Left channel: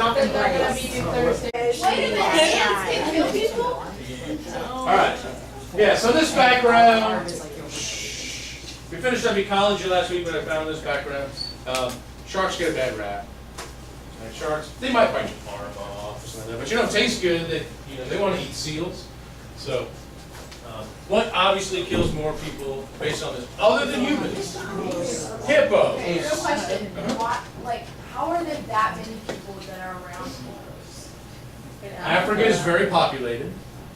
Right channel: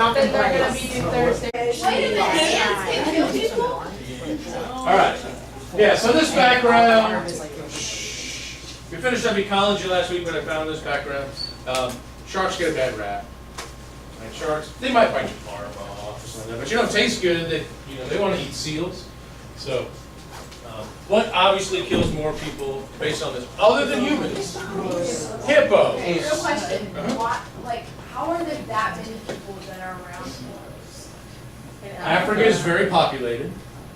not gonna be Thursday. Wait a minute, ants can kill people? Alright. Yeah, so this background, we finished up ecology last week, but I found this background. Sharks get a bad rap. And sharks, they might bite your arm off or something like that, but it tastes good. They want to eat seals. So, what obviously kills more people based on this, other than humans? Hippos. Real question, how are there that many people that are around hippos? Africa is very populated.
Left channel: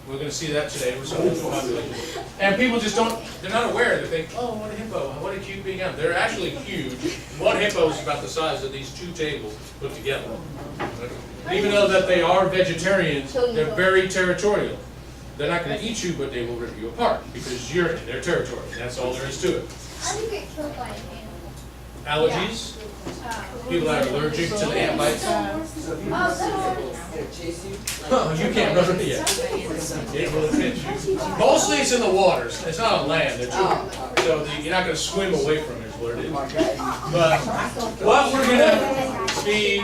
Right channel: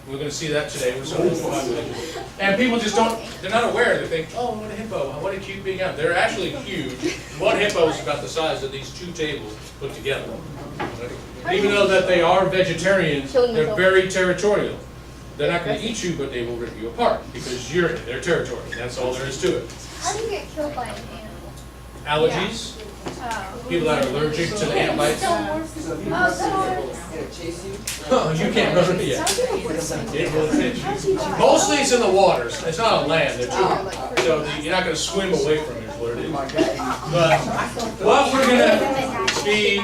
We're going to see that today with some of the population. And people just they're not aware. They think, oh, what a hippo, what a cute big animal. They're actually huge. One hippo is about the size of these two tables put together. Even though that they are vegetarians, they're very territorial. They're not going to eat you, but they will rip you apart because you're in their territory. That's all there is to it. How do you get killed by an ant? Allergies. People that are allergic to the ant bites. You can't run it yet. It will hit you. Mostly it's in the waters. It's not on land. So you're not going to swim away from it is what it is. But what we're going to be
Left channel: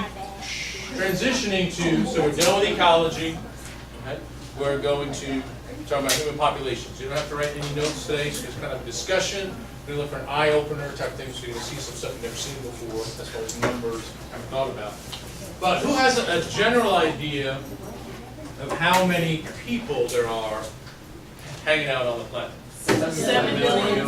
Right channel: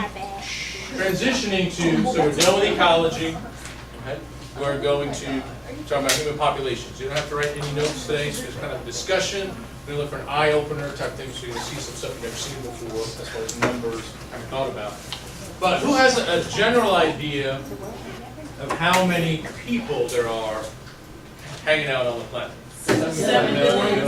transitioning to, so we're done with ecology. Okay? We're going to talk about human populations. You don't have to write any notes today. It's just kind of discussion. We're going to look for an eye-opener type thing, so you're going to see some stuff you've never seen before, as far as numbers haven't thought about. But who has a general idea of how many people there are hanging out on the planet? 7 billion.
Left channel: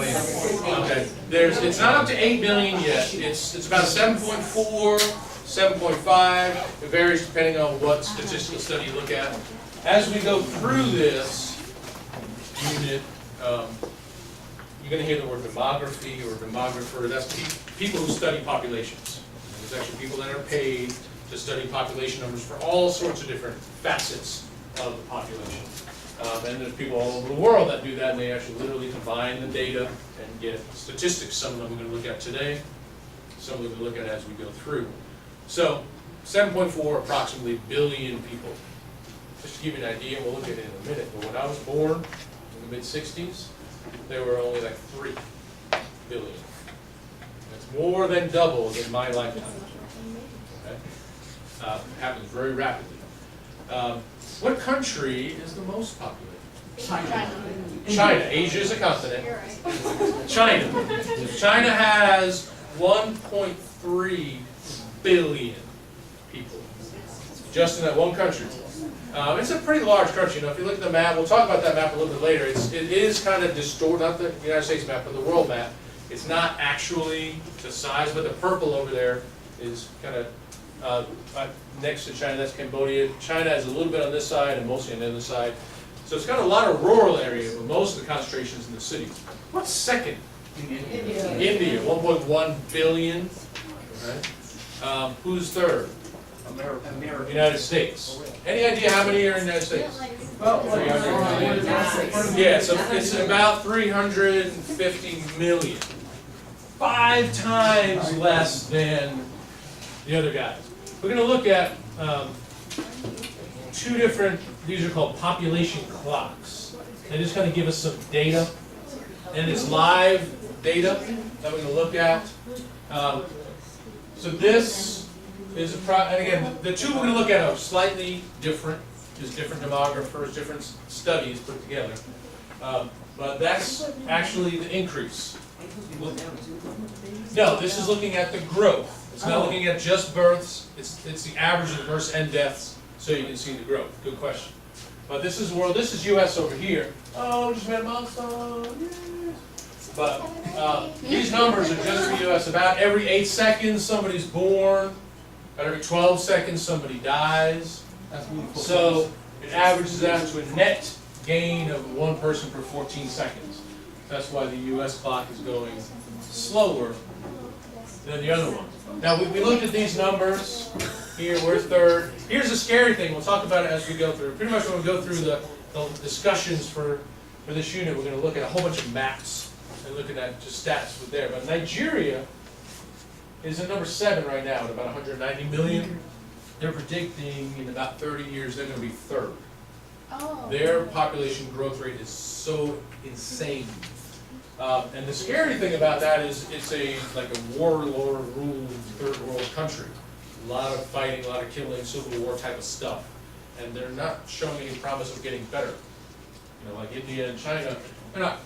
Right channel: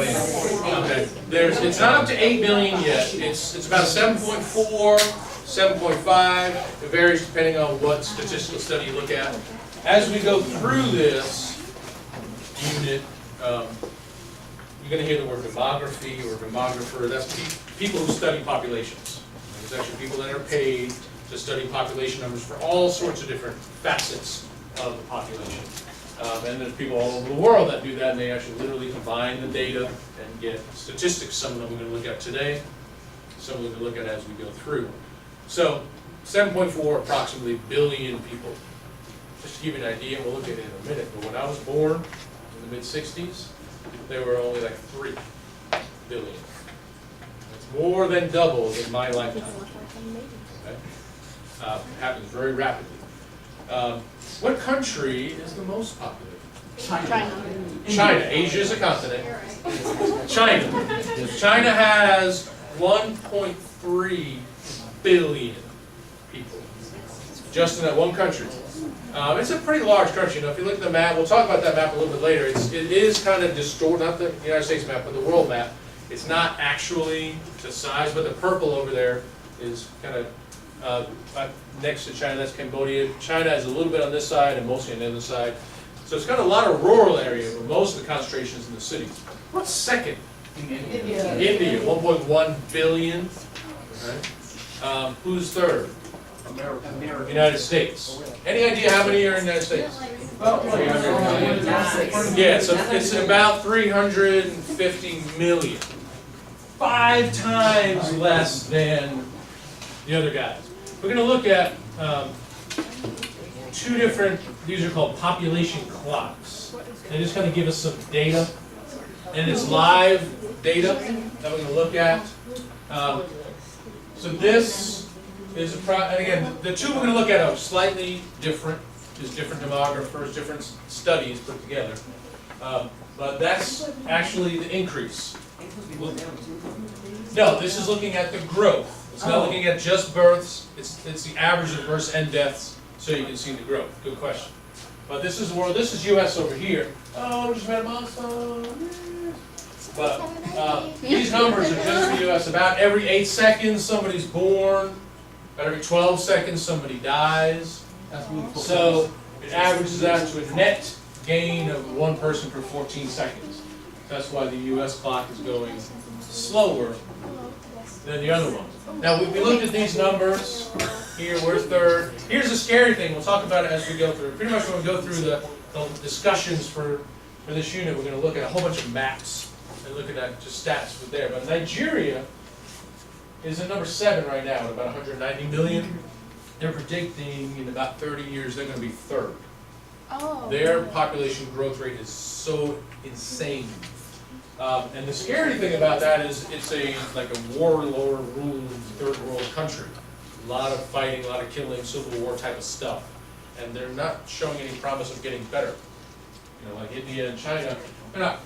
Okay. It's not up to 8 billion yet. It's about 7.4, 7.5. It varies depending on what statistical study you look at. As we go through this unit, you're going to hear the word demography or demographer. That's people who study populations. There's actually people that are paid to study population numbers for all sorts of different facets of the population. And there's people all over the world that do that, and they actually literally combine the data and get statistics. Some of them we're going to look at today, some of them we'll look at as we go through. So 7.4 approximately billion people. Just to give you an idea, we'll look at it in a minute, but when I was born in the mid-60s, there were only like 3 billion. That's more than double in my lifetime. Okay? Happens very rapidly. What country is the most populated? China. Asia is a continent. China. China has 1.3 billion people just in that one country. It's a pretty large country. If you look at the map, we'll talk about that map a little bit later. It is kind of distorted, not the United States map, but the world map. It's not actually the size, but the purple over there is kind of next to China. That's Cambodia. China is a little bit on this side and mostly on the other side. So it's got a lot of rural area, but most of the concentration is in the cities. What's second? India. India, 1.1 billion. Okay. Who's third? America. United States. Any idea how many are in the United States? Yeah, so it's about 350 million. 5 times less than the other guys. We're going to look at 2 different, these are called population clocks. They just kind of give us some data. And it's live data that we're going to look at. So this is and again, the 2 we're going to look at are slightly different. There's different demographers, different studies put together. But that's actually the increase. No, this is looking at the growth. It's not looking at just births. It's the average of births and deaths, so you can see the growth. Good question. But this is the world. This is U.S. over here. Oh, just met a milestone. Yes. But these numbers are just for U.S. About every 8 seconds, somebody's born. About every 12 seconds, somebody dies. So it averages out to a net gain of 1 person per 14 seconds. That's why the U.S. clock is going slower than the other ones. Now, we looked at these numbers. Here, we're third. Here's the scary thing. We'll talk about it as we go through. Pretty much when we go through the discussions for this unit, we're going to look at a whole bunch of maps and look at that just stats with there. But Nigeria is at number 7 right now at about 190 million. They're predicting in about 30 years they're going to be third. Oh. Their population growth rate is so insane. And the scary thing about that is it's like a warlord ruled third world country. A lot of fighting, a lot of killing, Civil War type of stuff. And they're not showing any promise of getting better. You know, like India and China, they're not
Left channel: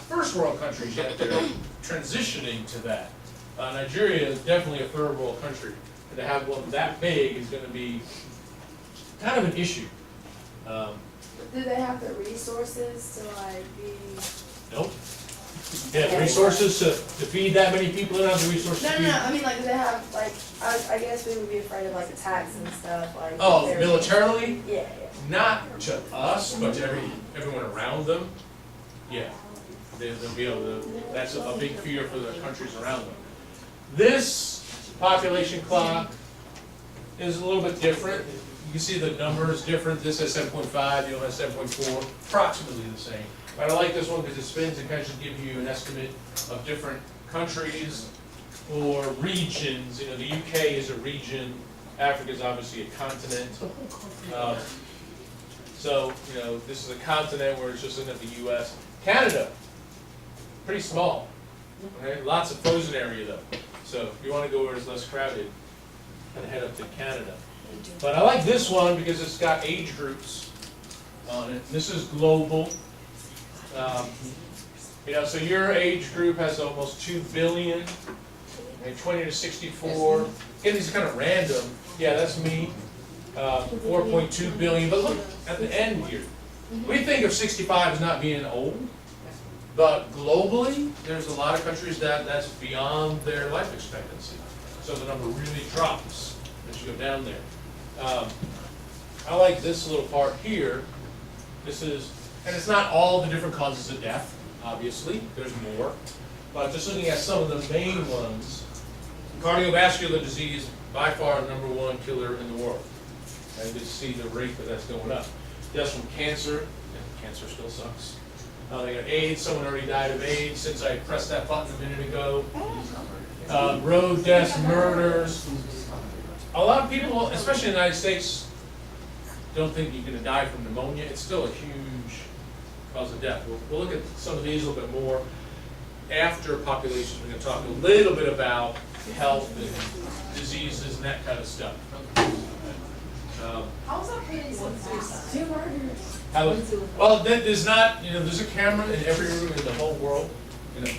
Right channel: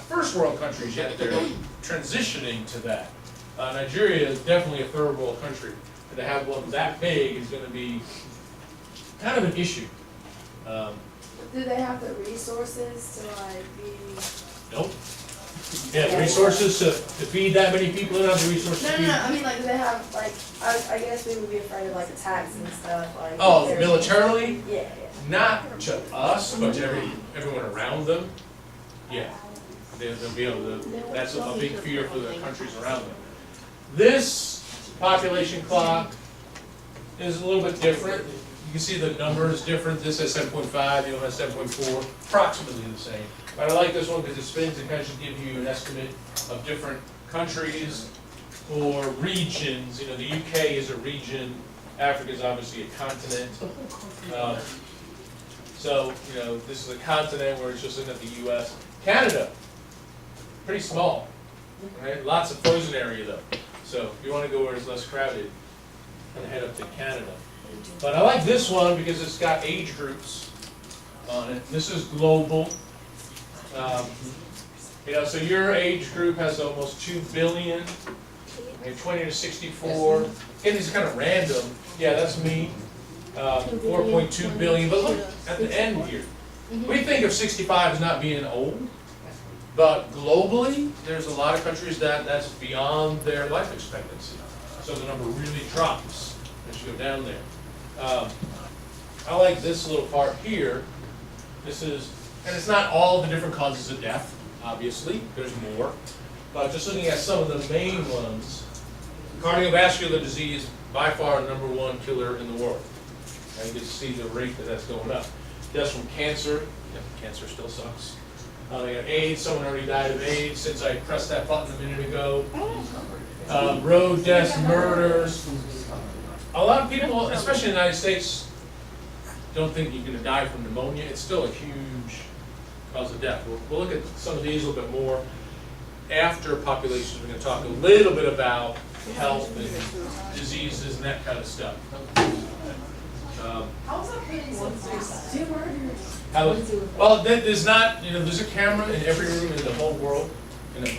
first world countries yet, they're transitioning to that. Nigeria is definitely a third world country, and to have one that big is going to be kind of an issue. Do they have the resources to like be? Nope. Yeah, the resources to feed that many people, they don't have the resources to No, feed. no, I mean like, do they have like, I guess we would be afraid of like attacks and stuff, like. Oh, if there's- militarily? Yeah, Not to us, but to everyone around them. Yeah, they'll be able to, that's a big fear for the countries around them. This population clock is a little bit different. You can see the numbers different. This has 7.5, the other has 7.4, approximately the same. But I like this one because it spins and kind of just gives you an estimate of different countries or regions. You know, the UK is a region, Africa is obviously a continent. So, you know, this is a continent where it's just looking at the US. Canada, pretty small, okay? Lots of frozen area though. So if you want to go where it's less crowded, then head up to Canada. But I like this one because it's got age groups on it. This is global. You know, so your age group has almost 2 billion, okay, 20 to 64. Again, these are kind of random. Yeah, that's me. 4.2 billion, but look at the end here. We think of 65 as not being old, but globally, there's a lot of countries that's beyond their life expectancy. So the number really drops as you go down there. I like this little part here. This is, and it's not all the different causes of death, obviously, there's more. But just looking at some of the main ones, cardiovascular disease, by far the #1 killer in the world. And you can see the rate that's going up. Deaths from cancer, yeah, cancer still sucks. They got AIDS, someone already died of AIDS since I pressed that button a minute ago. Road deaths, murders. A lot of people, especially in the United States, don't think you're going to die from pneumonia. It's still a huge cause of death. We'll look at some of these a little bit more after populations. We're going to talk a little bit about health and diseases and that kind of stuff. How's that putting some suicide? 2 murders. Well, there's not, you know, there's a camera in every room in the whole world. You know,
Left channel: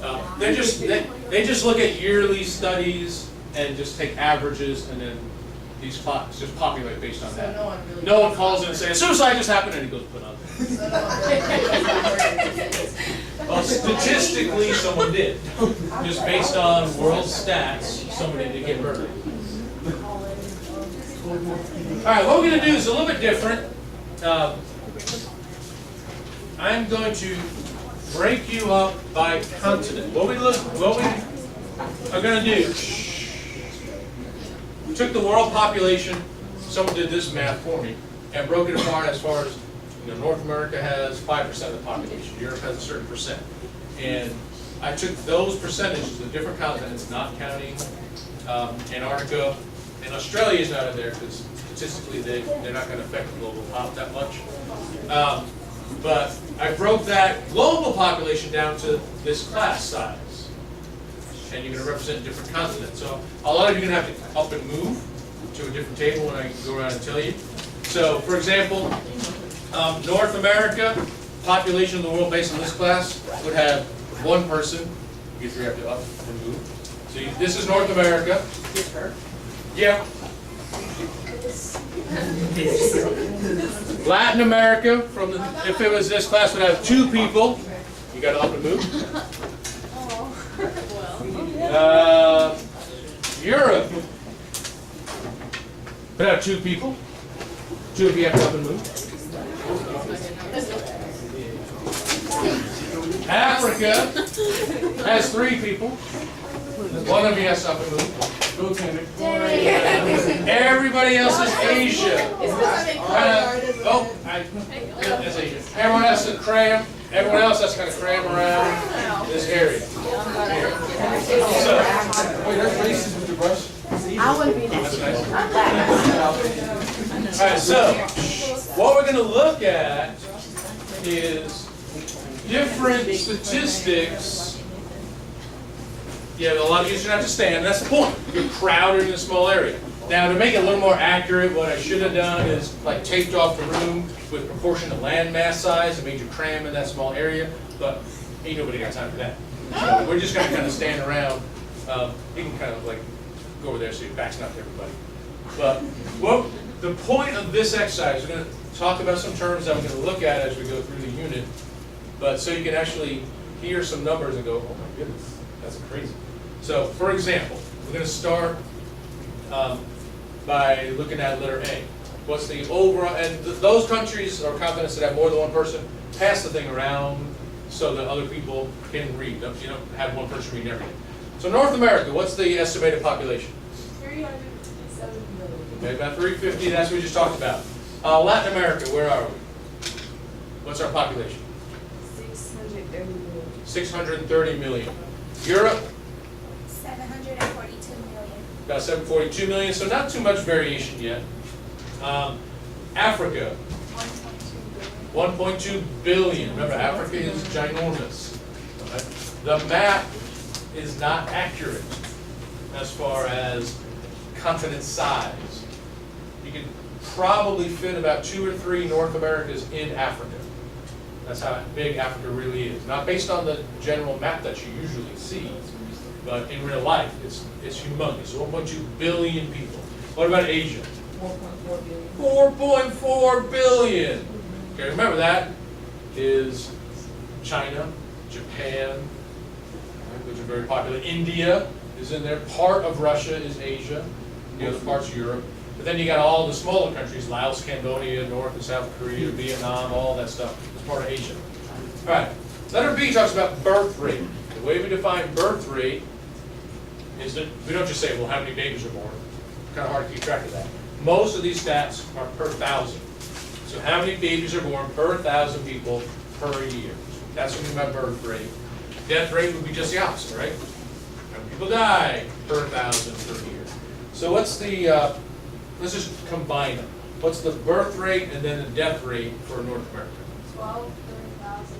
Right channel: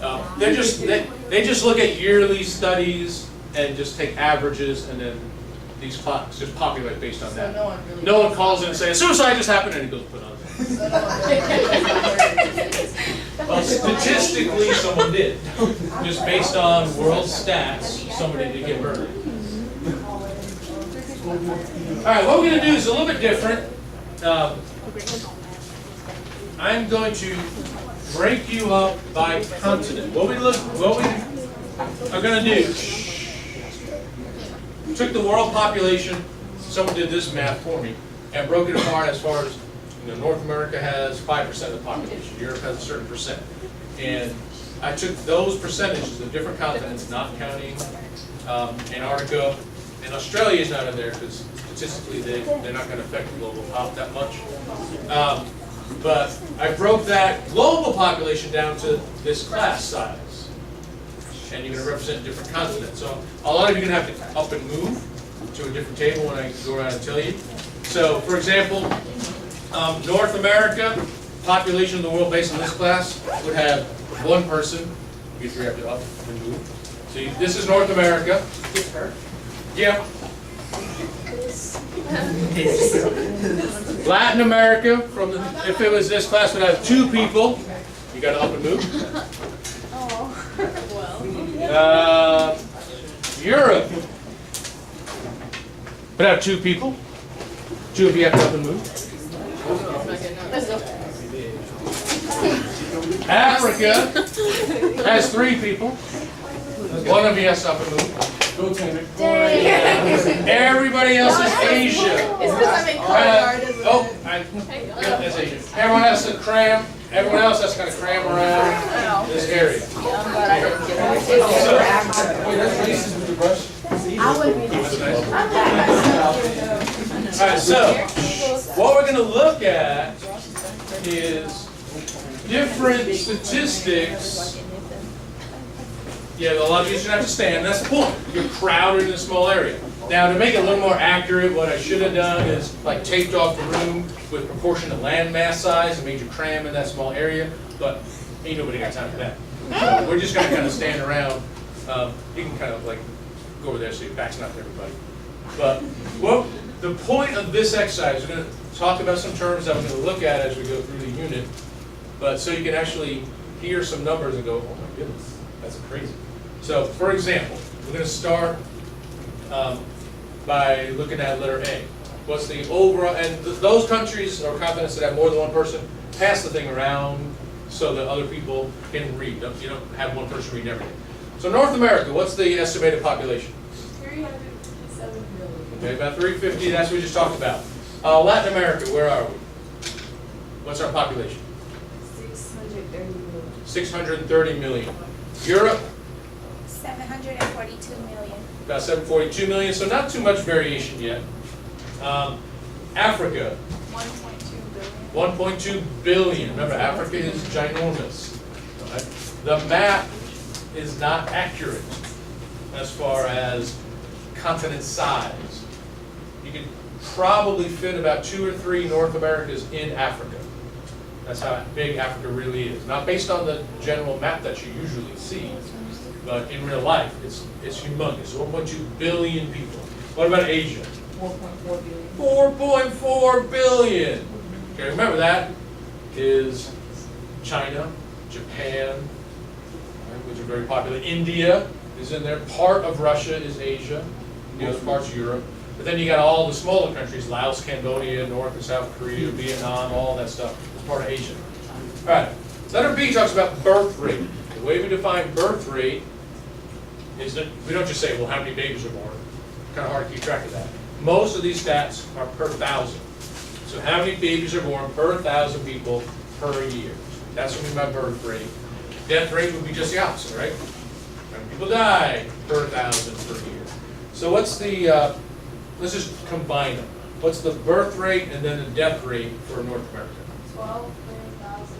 no. They just look at yearly studies and just take averages, and then these clocks just populate based on So that. no one really. No one calls in and says, suicide just happened, and he goes put on. So no one really. Well, statistically, someone did. Just based on world stats, somebody did get murdered. All right, what we're going to do is a little bit different. I'm going to break you up by continent. What we are going to do, took the world population, someone did this math for me, and broke it apart as far as, you know, North America has 5% of the population, Europe has a certain percent. And I took those percentages of different continents, not counting Antarctica, and Australia is not in there because statistically they're not going to affect the global pop that much. But I broke that global population down to this class size. And you're going to represent different continents. So a lot of you are going to have to up and move to a different table when I go around and tell you. So for example, North America, population of the world based on this class would have 1 person. You have to up and move. So this is North America. Yeah. Latin America, if it was this class, would have 2 people. You got to up and move. Europe would have 2 people. 2 of you have to up and move. Africa has 3 people. 1 of you has to up and move. Everybody else is Asia. It's because I'm in color That's Asia. Everyone has to cram. Everyone else has to kind of cram around this area. Wait, that's racist with your brush. I wouldn't be That's nice. nice. All right, so what we're going to look at is different statistics Yeah, a lot of you should have to stand, that's the point. You're crowded in a small area. Now, to make it a little more accurate, what I should have done is like taped off the room with proportionate land mass size and made you cram in that small area, but ain't nobody got time for that. So we're just gonna kind of stand around. You can kind of like go over there so your back's not to everybody. But well, the point of this exercise, we're gonna talk about some terms that we're gonna look at as we go through the unit, but so you can actually hear some numbers and go, oh my goodness, that's crazy. So, for example, we're going to start by looking at letter A. What's the overall, and those countries or continents that have more than one person, pass the thing around so that other people can read. You don't have one person reading everything. So North America, what's the estimated population? 357 million. Okay, about 350, that's what we just talked about. Latin America, where are we? What's our population? 630 million. 630 million. Europe, 742 million. about 742 million, so not too much variation yet. Africa, 1.2 billion. Remember, Africa is ginormous. Right? The map is not accurate as far as continent size. You can probably fit about 2 or 3 North Americas in Africa. That's how big Africa really is. Not based on the general map that you usually see, but in real life, it's humongous. 1.2 billion people. What about Asia? 4.4 billion. 4.4 billion. Okay, remember that is China, Japan, right, which are very popular. India is in there. Part of Russia is Asia. The other part's Europe. But then you got all the smaller countries: Laos, Cambodia, North and South Korea, Vietnam, all that stuff. It's part of Asia. All right. Letter B talks about birth rate. The way we define birth rate is that we don't just say, well, how many babies are born. Kind of hard to keep track of that. Most of these stats are per 1,000. So how many babies are born per 1,000 people per year? That's what we mean by birth rate. Death rate would be just the opposite, right? How many people die per 1,000 per year? So what's the, let's just combine them. What's the birth rate and then the death rate for North America? 12 per 1,000.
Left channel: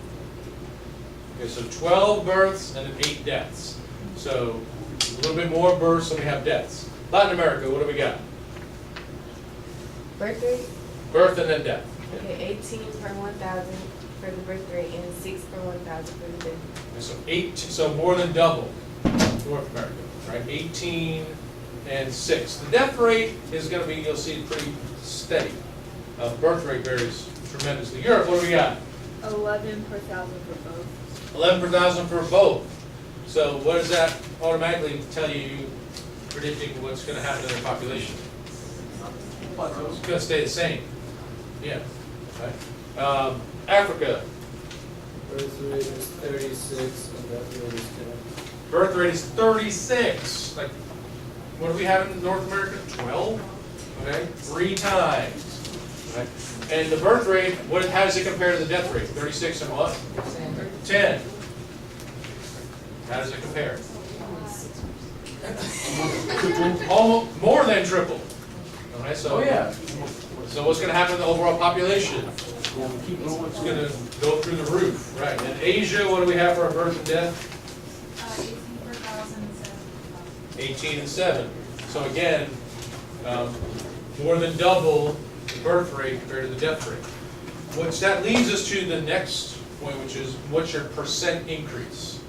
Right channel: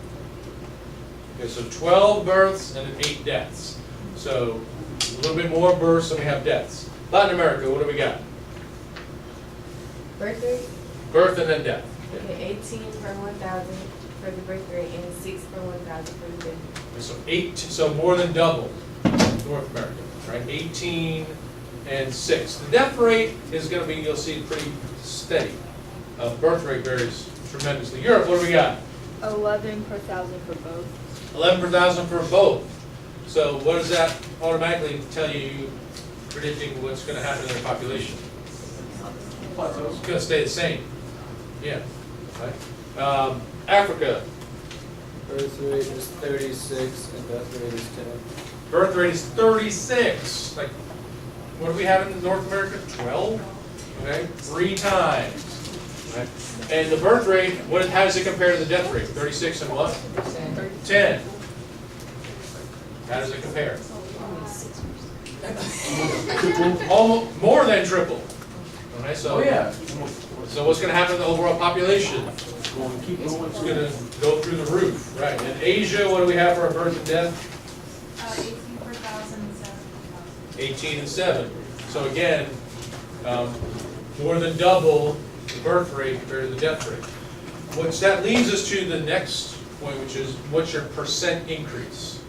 Okay, so 12 births and then 8 deaths. So a little bit more births than we have deaths. Latin America, what do we got? Birth rate? Birth and then death. Okay, 18 per 1,000 for the birth rate and 6 per 1,000 for the death rate. Okay, so more than double North America, right? 18 and 6. The death rate is going to be, you'll see, pretty steady. Birth rate varies tremendously. Europe, what do we got? 11 per 1,000 for both. 11 per 1,000 for both. So what does that automatically tell you, predicting what's going to happen in their population? It's going to stay the same. Yeah. Right. Africa. Birth rate is 36 and death rate is 10. Birth rate is 36. Like, what do we have in North America? 12. Okay, 3 times. Right. And the birth rate, how does it compare to the death rate? 36 and what? 10. How does it compare? Almost more than triple. Okay, so so what's going to happen to the overall population? It's going to go through the roof, right? In Asia, what do we have for our birth and death? 18 per 1,000 and 7 per 1,000. 18 and 7. So again, more than double the birth rate compared to the death rate. Which that leads us to the next point, which is what's your percent increase?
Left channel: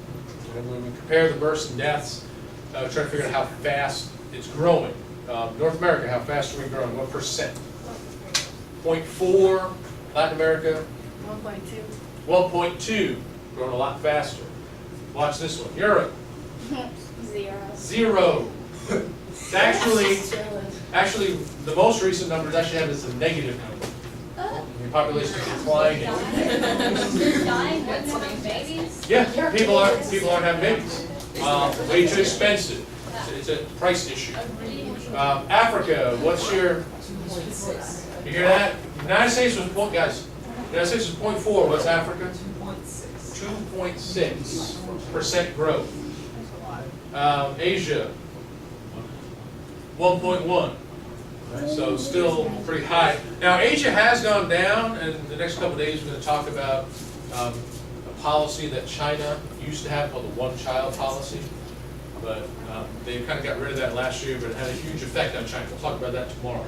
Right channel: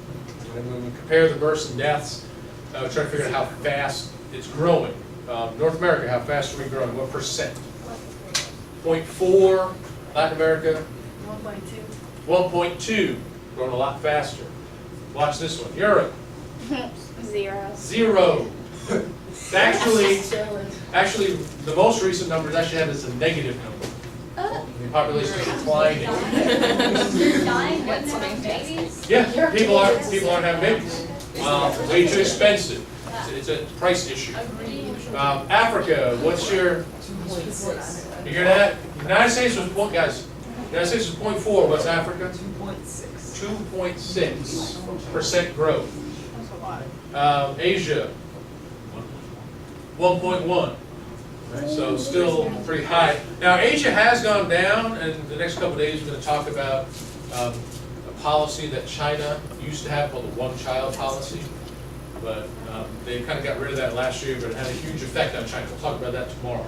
And when we compare the births and deaths, try to figure out how fast it's growing. North America, how fast are we growing? What percent? 0.4. Latin America? 1.2. 1.2. Growing a lot faster. Watch this one. Europe? 0. 0. Actually, the most recent numbers actually have this as a negative number. The population is declining. You're dying, what's having babies? Yeah, people aren't having babies. Way too expensive. It's a price issue. Africa, what's your? You hear that? United States was guys. United States was 0.4. What's Africa? 2.6% growth. Asia, 1.1. So still pretty high. Now Asia has gone down, and the next couple of days we're going to talk about a policy that China used to have called the one-child policy. but they kind of got rid of that last year, but it had a huge effect on China. We'll talk about that tomorrow.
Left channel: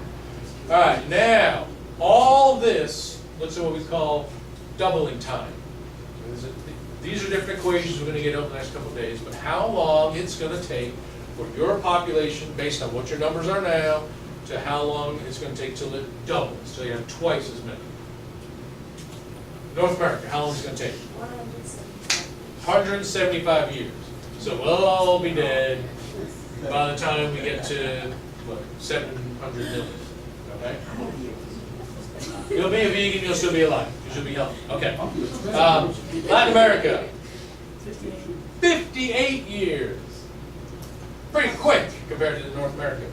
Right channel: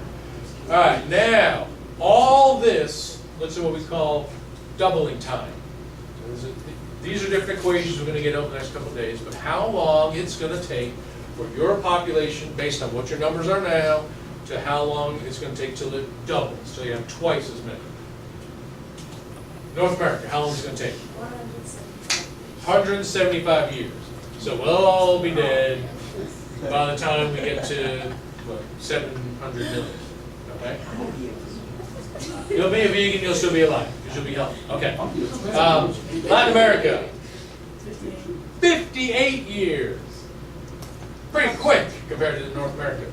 All right, now, all this looks at what we call doubling time. These are different equations we're going to get over the next couple of days, but how long it's going to take for your population, based on what your numbers are now, to how long it's going to take till it doubles, so you have twice as many. North America, how long is it going to take? 175 years. So we'll all be dead by the time we get to, what, 700 million, okay? You'll be a vegan, you'll still be alive, because you'll be healthy. Okay. Latin America, 58 years. Pretty quick compared to North America.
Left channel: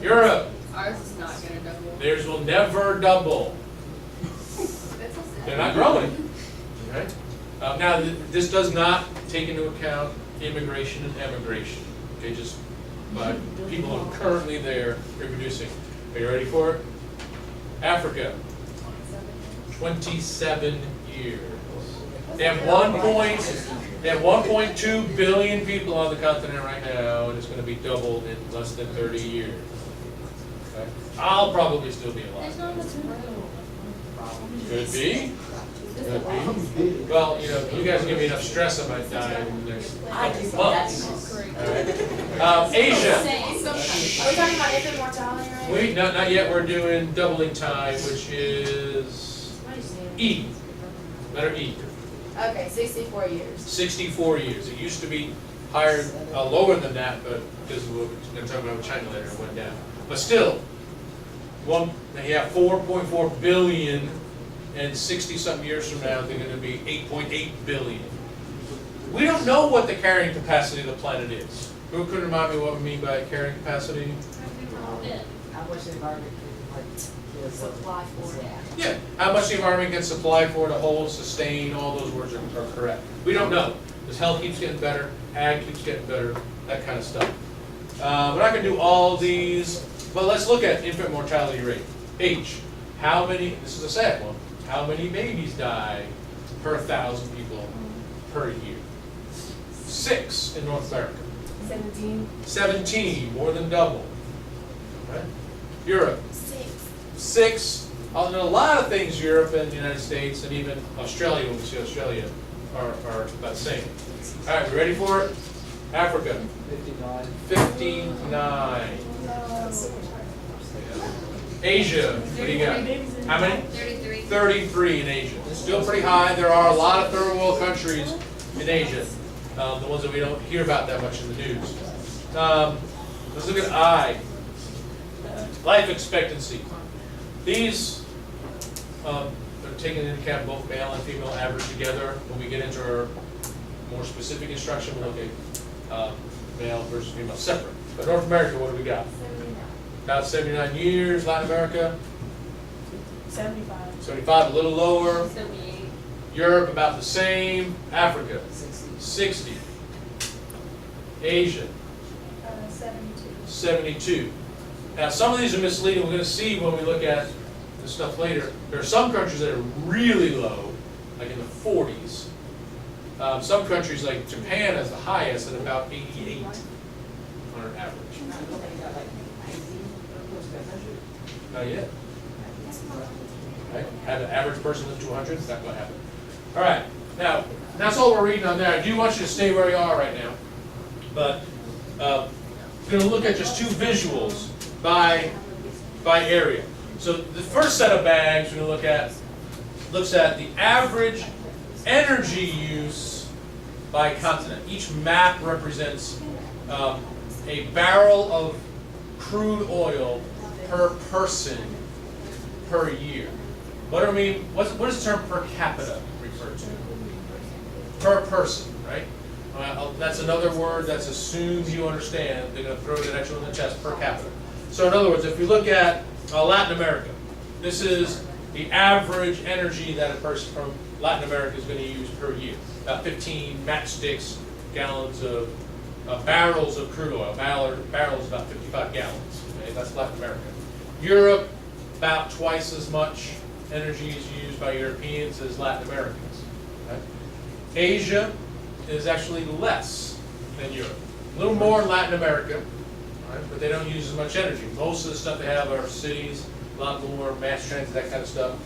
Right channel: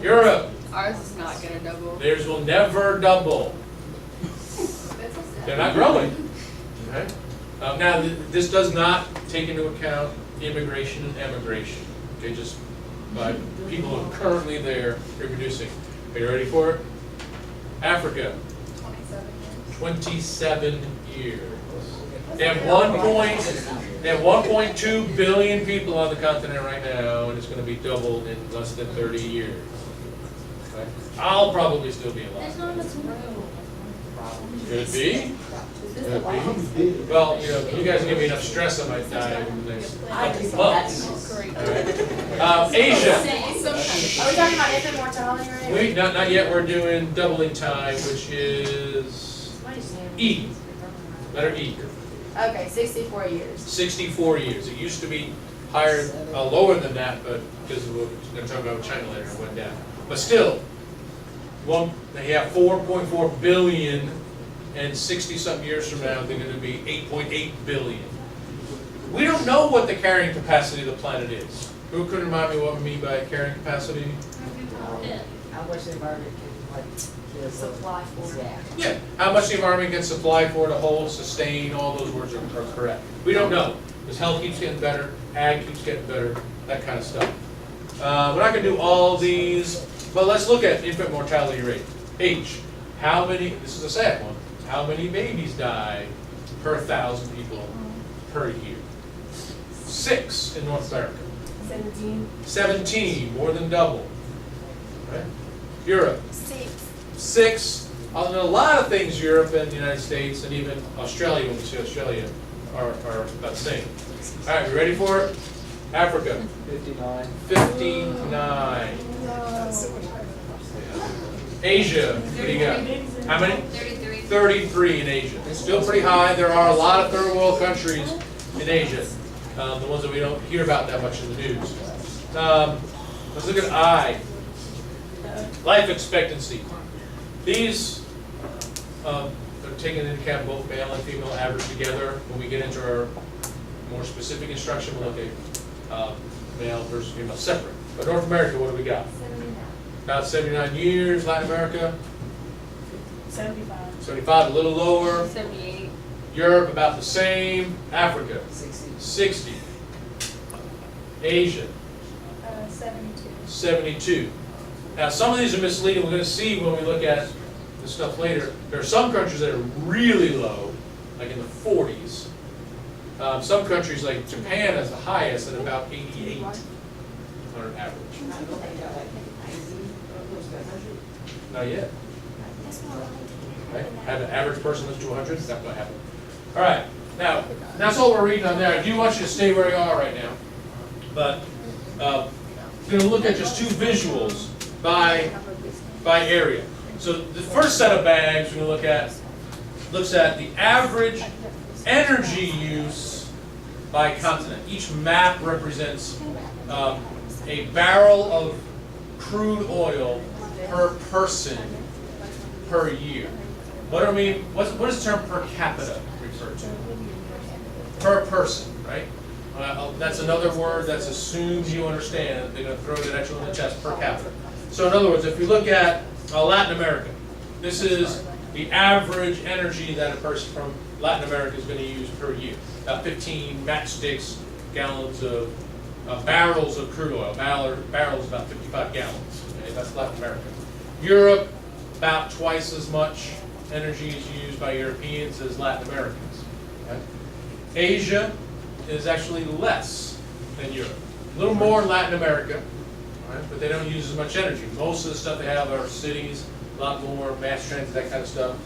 Europe, Ours is not gonna double. theirs will never double. They're not growing. Okay? Now, this does not take into account immigration and emigration. Okay, just by people who are currently there reproducing. Are you ready for it? Africa, 27 years. They have 1.2 billion people on the continent right now, and it's going to be doubled in less than 30 years. Okay? I'll probably still be alive. Could be. Could be. Well, you know, if you guys give me enough stress, I might die in the next couple months. All right. Asia. Are we talking about infant mortality rate? Not yet. We're doing doubling time, which is E. Letter E. Okay, 64 years. 64 years. It used to be higher, lower than that, but because of what we're going to talk about with China later, it went down. But still, they have 4.4 billion, and 60-something years from now, they're going to be 8.8 billion. We don't know what the carrying capacity of the planet is. Who could remind me what we mean by carrying capacity? How much environment can like Supply for it. Yeah, how much the environment can supply for to hold, sustain, all those words are correct. We don't know, because health keeps getting better, ag keeps getting better, that kind of stuff. We're not going to do all these, but let's look at infant mortality rate. H, how many, this is a sad one, how many babies die per 1,000 people per year? 6 in North America. 17. 17, more than double. Right? Europe. 6. In a lot of things, Europe and the United States and even Australia, when we see Australia, are about the same. All right, we ready for it? Africa. 59. 59. Asia, what do you got? How many? 33. 33 in Asia. Still pretty high. There are a lot of third world countries in Asia. The ones that we don't hear about that much in the news. Let's look at I. Life expectancy. These are taken into account both male and female average together. When we get into our more specific instruction, we'll look at male versus female separate. But North America, what do we got? 79. About 79 years. Latin America, 75. 75, a little lower. 78. Europe, about the same. Africa, 60. Asia, 72. 72. Now, some of these are misleading. We're going to see when we look at the stuff later. There are some countries that are really low, like in the 40s. Some countries, like Japan, has the highest at about 88 on an average. Not yet. Okay. Have an average person live to 100? It's not going to happen. All right. Now, that's all we're reading on there. I do want you to stay where you are right now. But we're going to look at just 2 visuals by area. So the first set of bags we're going to look at looks at the average energy use by continent. Each map represents a barrel of crude oil per person per year. What do I mean? What does the term per capita refer to? Per person, right? That's another word that's assumed you understand. They're going to throw that extra in the test, per capita. So in other words, if you look at Latin America, this is the average energy that a person from Latin America is going to use per year. About 15 matchsticks, gallons of barrels of crude oil. Barrels about 55 gallons. Okay? That's Latin America. Europe, about twice as much energy is used by Europeans as Latin Americans. Okay? Asia is actually less than Europe. A little more in Latin America, right? But they don't use as much energy. Most of the stuff they have are cities, a lot more mass transit, that kind of stuff.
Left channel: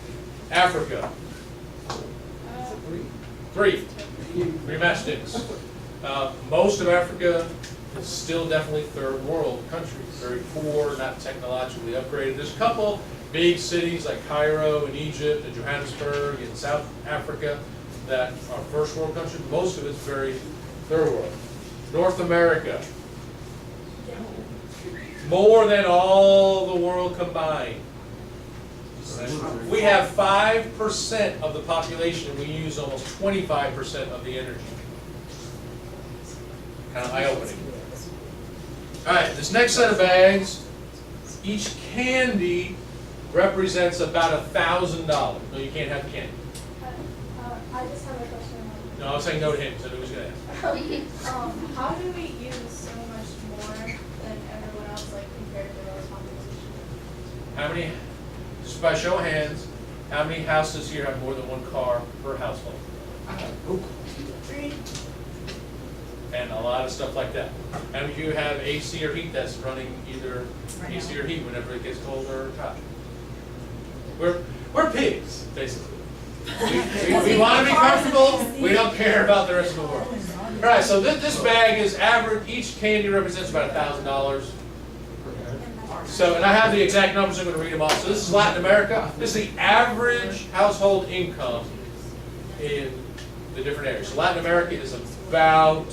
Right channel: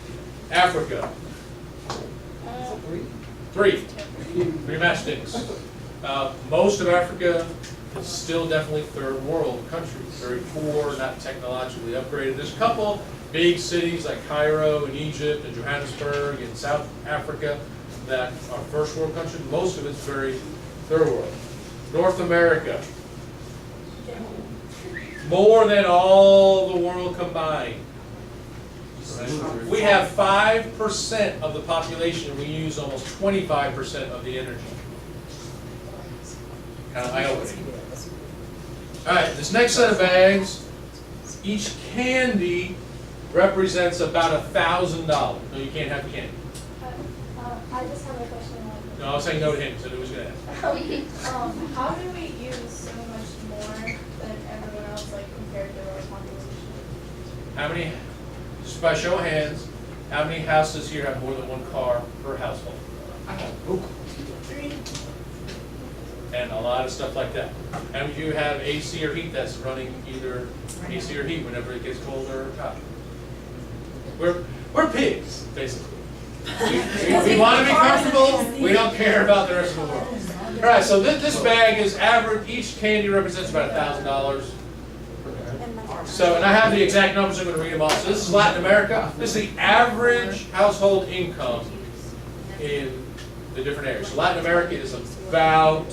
Africa, three mass sticks. Most of Africa is still definitely third world country, very poor, not technologically upgraded. There's a couple big cities like Cairo and Egypt and Johannesburg and South Africa that are first world country. Most of it's very third world. North America, more than all the world combined. We have 5% of the population, and we use almost 25% of the energy. Kind of eye-opening. All right, this next set of bags, each candy represents about $1,000. No, you can't have candy. I just have a question. No, I was saying no to him, so who was going to ask? How do we use so much more than everyone else, like compared to our population? How many, just by show of hands, how many houses here have more than one car per household? 3. And a lot of stuff like that. How many of you have AC or heat that's running either AC or heat whenever it gets colder or hot? We're pigs, basically. We want to be comfortable. We don't care about the rest of the world. All right, so this bag is average. Each candy represents about $1,000. So, and I have the exact numbers. I'm going to read them off. So this is Latin America. This is the average household income in the different areas. So Latin America is about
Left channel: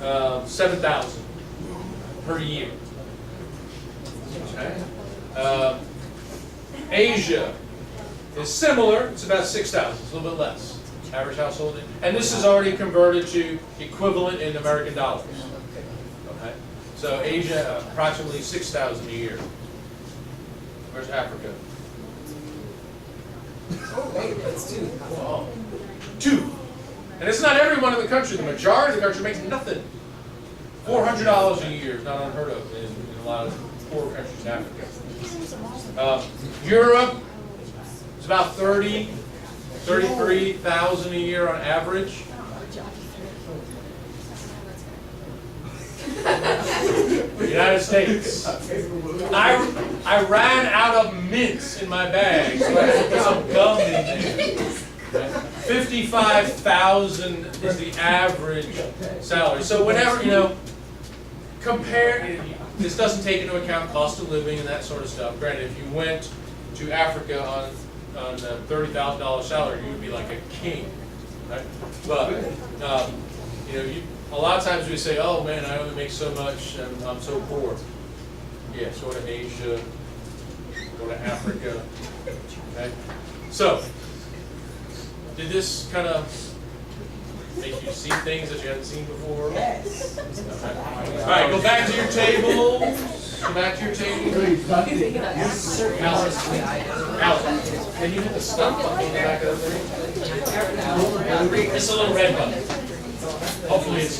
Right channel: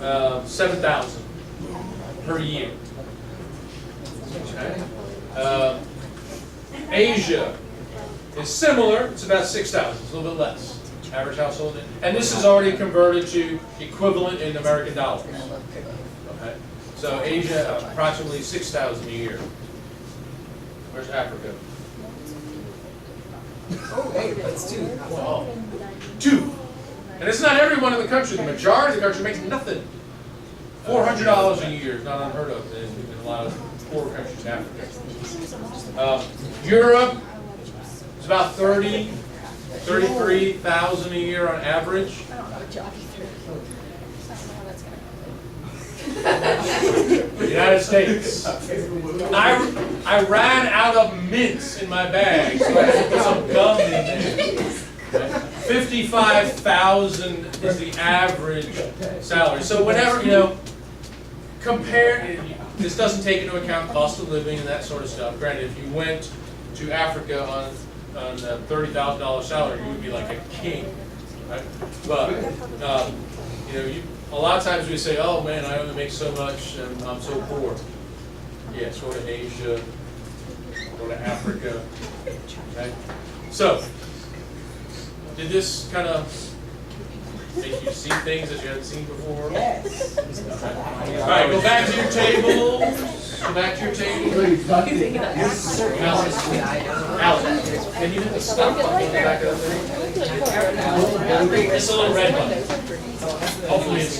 $7,000 per year. Okay. Asia is similar. It's about $6,000. It's a little bit less. Average household income. And this is already converted to equivalent in American dollars. Okay. So Asia, approximately $6,000 a year. Where's Africa? Wow. 2. And it's not everyone in the country. The majority of the country makes nothing. $400 a year is not unheard of in a lot of poor countries in Africa. Europe is about 33,000 a year on average. The United States. I ran out of mints in my bag, so I had to put some gum in there. 55,000 is the average salary. So whenever, compare, this doesn't take into account cost of living and that sort of stuff. Granted, if you went to Africa on a $30,000 salary, you would be like a king, right? But, a lot of times we say, oh man, I only make so much and I'm so poor. Yes, go to Asia, go to Africa, okay? So, did this kind of make you see things that you hadn't seen before? Yes. Okay. All right, go back to your table. Go back to your table. Alice, can you hit the stop button on the back of the thing? It's a little red button. Hopefully it's